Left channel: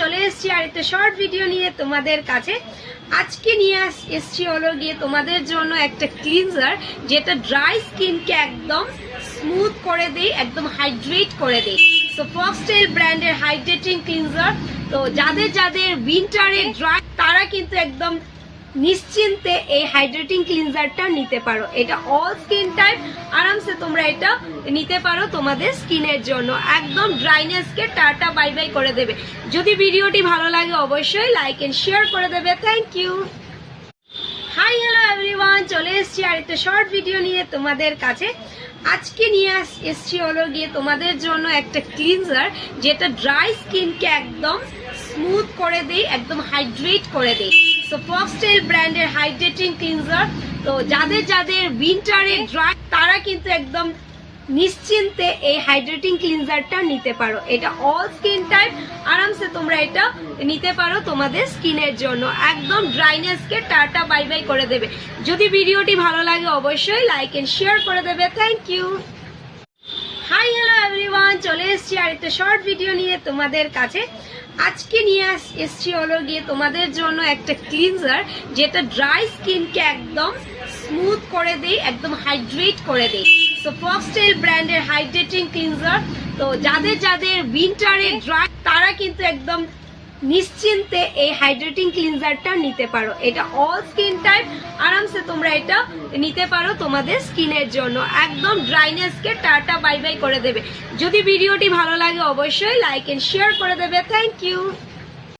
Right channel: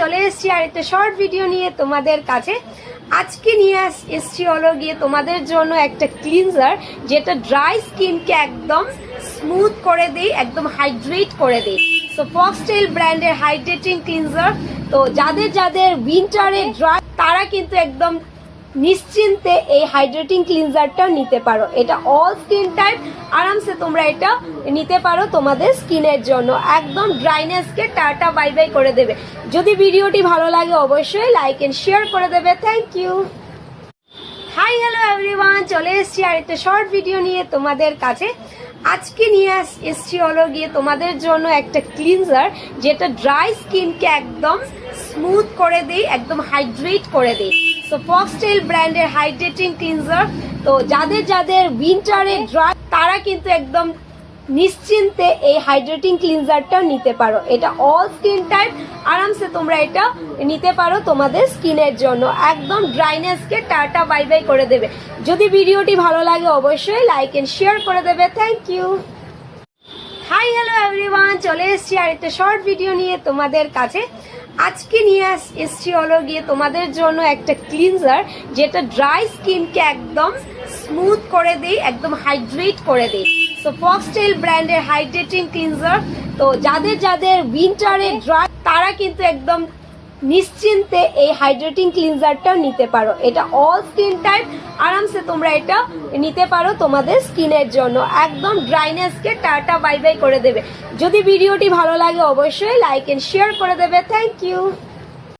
চলে এসেছি আর একটা শর্ট ভিডিও নিয়ে তোমাদের কাছে। আজকে নিয়ে এসেছি হলো গিয়ে তোমাদের জন্য একটা ক্লিনজার যেটা ড্রাই স্কিনকে একদম স্মুথ করে দেয়, একদম হাইড্রেট করে দেয়। তো ফক্সটেল ব্র্যান্ডের হাইড্রেটিং ক্লিনজার। তো যাদের উইন্টারে ড্রাই তারা কিন্তু একদম নিশ্চিন্তে এই হাইড্রেটিং ক্লিনজারটা নিতে পারো। এটা অল স্কিন টাইপ আরামসে তোমরা এটা নিতে পারো তোমাদের স্কিনের জন্য, একদম ড্রাইনেসকে টাটা বাই বাই করে দেবে। যদি ভিডিওটি ভালো লাগে অবশ্যই লাইক এন্ড শেয়ার করে দেবে। Thank you. Hi hello everyone, চলে এসেছি আর একটা শর্ট ভিডিও নিয়ে তোমাদের কাছে। আজকে নিয়ে এসেছি হলো গিয়ে তোমাদের জন্য একটা ক্লিনজার যেটা ড্রাই স্কিনকে একদম স্মুথ করে দেয়, একদম হাইড্রেট করে দেয়। তো ফক্সটেল ব্র্যান্ডের হাইড্রেটিং ক্লিনজার। তো যাদের উইন্টারে ড্রাই তারা কিন্তু একদম নিশ্চিন্তে এই হাইড্রেটিং ক্লিনজারটা নিতে পারো। এটা অল স্কিন টাইপ আরামসে তোমরা এটা নিতে পারো তোমাদের স্কিনের জন্য, একদম ড্রাইনেসকে টাটা বাই বাই করে দেবে। যদি ভিডিওটি ভালো লাগে অবশ্যই লাইক এন্ড শেয়ার করে দেবে। Thank you. Hi hello everyone, চলে এসেছি আর একটা শর্ট ভিডিও নিয়ে তোমাদের কাছে। আজকে নিয়ে এসেছি হলো গিয়ে তোমাদের জন্য একটা ক্লিনজার যেটা ড্রাই স্কিনকে একদম স্মুথ করে দেয়, একদম হাইড্রেট করে দেয়। তো ফক্সটেল ব্র্যান্ডের হাইড্রেটিং ক্লিনজার। তো যাদের উইন্টারে ড্রাই তারা কিন্তু একদম নিশ্চিন্তে এই হাইড্রেটিং ক্লিনজারটা নিতে পারো। এটা অল স্কিন টাইপ আরামসে তোমরা এটা নিতে পারো তোমাদের স্কিনের জন্য, একদম ড্রাইনেসকে টাটা বাই বাই করে দেবে। যদি ভিডিওটি ভালো লাগে অবশ্যই লাইক এন্ড শেয়ার করে দেবে। Thank you.